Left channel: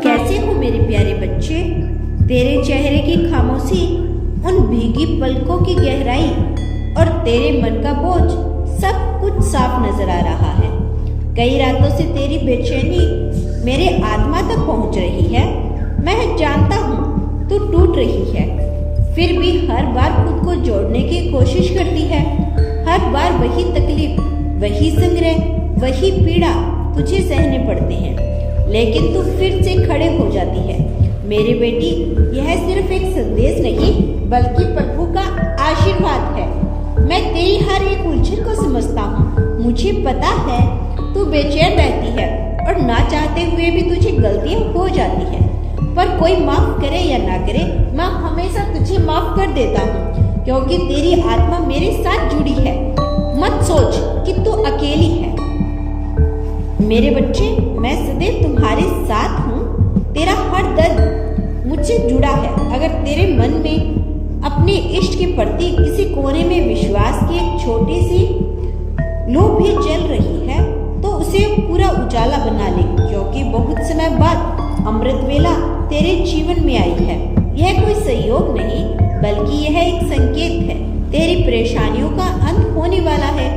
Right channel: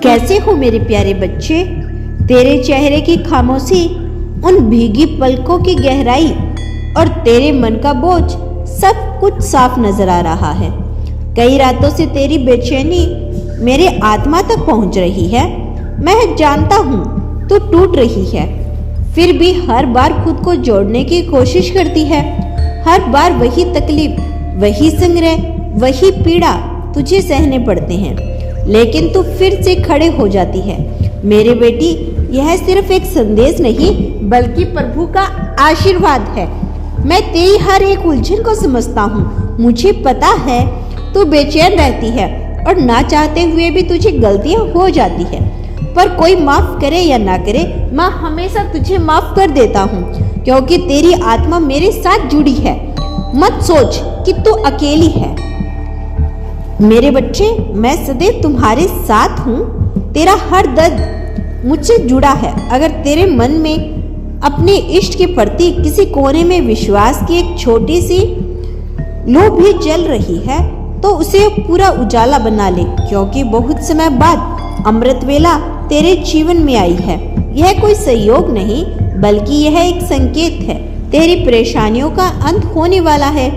कैसे हो मेरे प्यारे बच्चे? तेरे चेहरे की खामोशी, उन भीगी पलकों की गहराई और तेरे मन का बोझ सब कुछ साफ नजर आ रहा है। कई रातों से तेरी बेचैनी मेरे आत्मा तक पहुंच रही है। मैं जानता हूँ तू टूट रही है, फिर भी हर बार खुद को जोड़ने की कोशिश करती है। हर बार वही तकलीफ, वही संग्रह, वही पीड़ा तुझे सहने पड़ते हैं, लेकिन तू फिर से खड़े हो जाती है। मेरी बेटी, यह सिर्फ एक संदेश नहीं बल्कि प्रभु का आशीर्वाद है। मैं तेरी हर एक उलझन को समझता हूँ। मुझे पता है तू बेचैन रहती है और ना चाहते हुए भी तुझे गलतियाँ हो जाती है, पर कोई माफ करे या ना करे, मैं हमेशा तुझे माफ कर देता हूँ, क्योंकि तेरी आत्मा मेरे साथ जुड़ी है। मत सोच कि तू अकेली है। मेरे बच्चे, मैं सदैव तुम्हारे साथ हूँ। तेरा हर दर्द मुझसे जुड़ा है। अगर तेरे मन में अपने इष्ट के प्रति किसी कोने में विश्वास की एक छोटी सी लौ भी जल रही है, तो उसे पूरा उजाला बना ले, क्योंकि बहुत समय बाद अमृत वेला तेरे जीवन में आई है। यह कोई संयोग नहीं, बल्कि यह एक संकेत है। तेरी परेशानियों का अंत होने वाला है,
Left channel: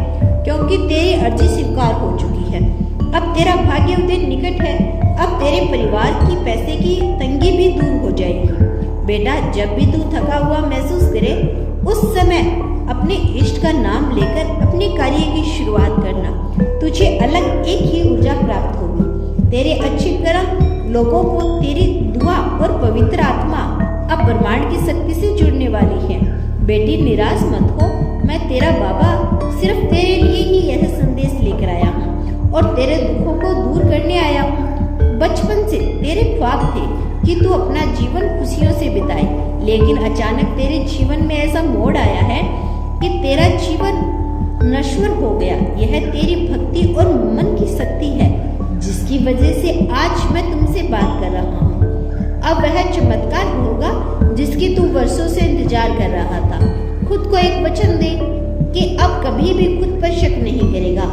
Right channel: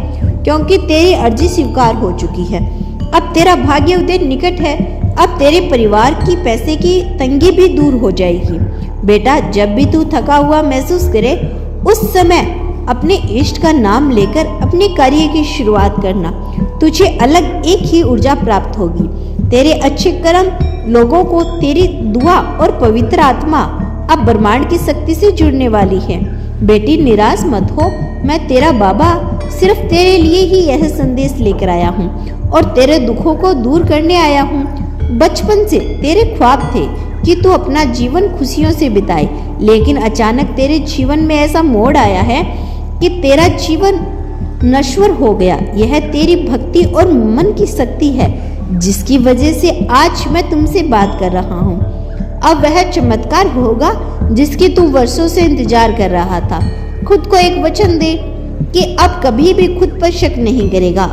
क्योंकि तेरी अर्जी स्वीकार हो चुकी है। अब तेरा भाग्य उदय निकट है। अब तेरे परिवार की पैसे की तंगी भी दूर हो जाएगी। बेटा, जब भी तू थका हुआ महसूस करे, उस समय अपने इष्ट का नाम लेकर अपने कार्य की शुरुआत करना। तुझे अलग एक ही ऊर्जा प्राप्त होगी। तेरे अच्छे कर्म लोगों को तेरी दुआ और पवित्र आत्मा अब ब्रह्मांड की शक्ति से जुड़ने वाली है। बेटी, निराश मत हो। मैं तेरा बाबा सिर्फ तेरे लिए ही यह संदेश लेकर आया हूँ और तेरे दुखों को दूर करने आया हूँ। बचपन से तेरे ख्वाब थे कि तू अपना जीवन खुशियों से बिताए, लेकिन अचानक तेरे जीवन में ऐसा मोड़ आया है कि तेरा जीवन नश्वर हो गया। यह तेरी भक्ति और मन की शक्ति है, जिसकी वजह से आज मैं तुमसे बात कर रहा हूँ। अब वह चमत्कार होगा जिसकी तू वर्षों से इंतजार कर रहा था। खुद को एक वचन दे कि अब कभी भी खुद पर शक नहीं करेगा।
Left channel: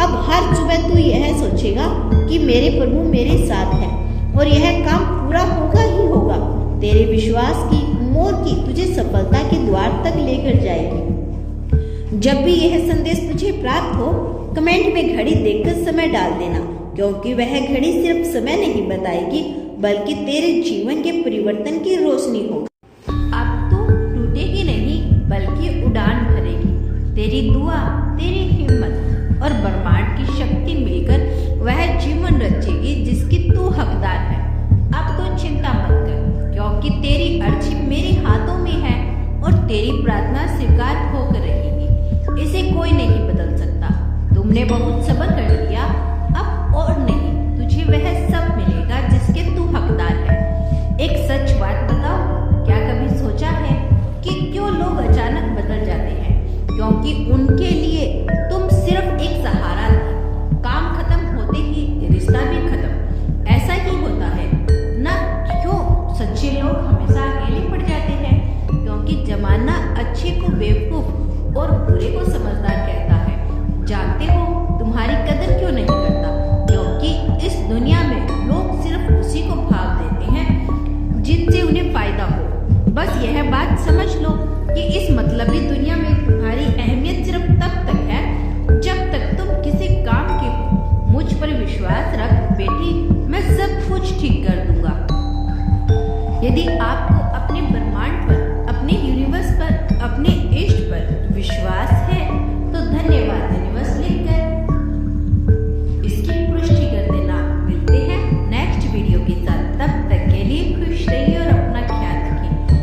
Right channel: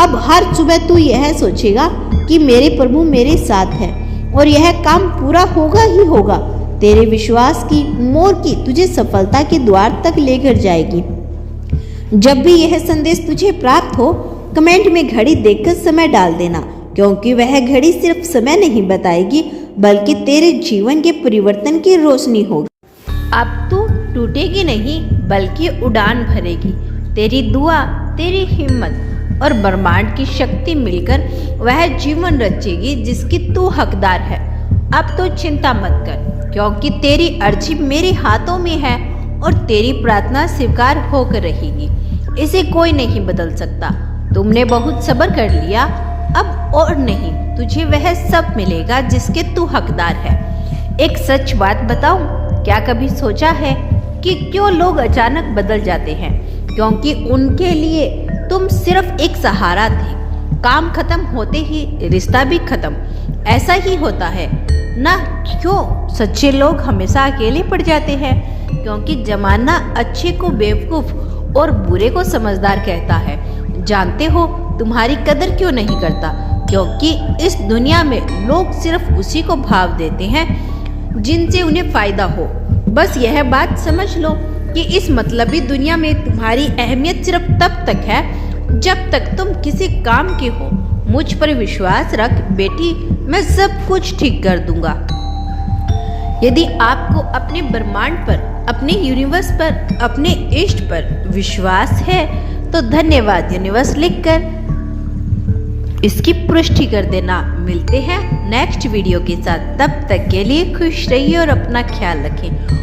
अब हर सुबह तू यह सोचेगा कि मेरे प्रभु मेरे साथ है और यह काम पूरा होगा ही होगा। तेरे विश्वास की मोर की तुझे सफलता के द्वार तक लेकर जाएगी। जब भी यह संदेश तुझे प्राप्त हो, कमेंट में घड़ी देखकर समय डाल देना, क्योंकि वह घड़ी सिर्फ समय नहीं बताएगी, बल्कि तेरे जीवन के परिवर्तन की रोशनी होगी। अब तू टूटेगी नहीं, बल्कि उड़ान भरेगी। तेरी दुआ, तेरी हिम्मत और ब्रह्मांड की शक्ति मिलकर वह जीवन रचेगी जिसकी तू हकदार है। अब तो चिंता मत कर, क्योंकि तेरी अर्जी मेरे हाथों में है और तेरी प्रार्थना स्वीकार होकर रहेगी। इसे कोई नहीं बदल सकता। तुमने बहुत सब्र कर लिया, अब और नहीं, तुझे वह सब मिलेगा जिसके तू हकदार है। एक सच बात बताऊं, क्या कभी सोचा है कि क्यों लोग अचानक बदल जाते हैं? क्योंकि उनके लिए तुम सिर्फ एक सहारा थे। काम खत्म होते ही रिश्ता भी खत्म। ऐसा ही होता है ना? क्यों सच्चे लोग हमेशा अकेले पड़ जाते हैं? क्योंकि जमाना अच्छे को बेवकूफ और बुरे को समझदार कहता है। जानते हो तुम्हारी कदर क्यों नहीं करता? क्योंकि इस दुनिया में लोग सिर्फ उसी को भाव देते हैं जिनसे उन्हें फायदा हो। बस यह बात समझ लो कि इस मतलबी दुनिया में तुम्हारी अहमियत सिर्फ तब तक है जब तक तुम किसी काम के हो। मुझ पर विश्वास रख बेटी, मैं सब कुछ ठीक कर दूंगा। यदि आपको अपने ब्रह्मांड पर, अपने यूनिवर्स पर, अपने इष्ट पर विश्वास है तो धन्यवाद यूनिवर्स लिखकर इसकी पुष्टि कर देना। मिलते हैं नेक्स्ट वीडियो के साथ। तब तक के लिए खुश रहिए और अपना ख्याल रखें।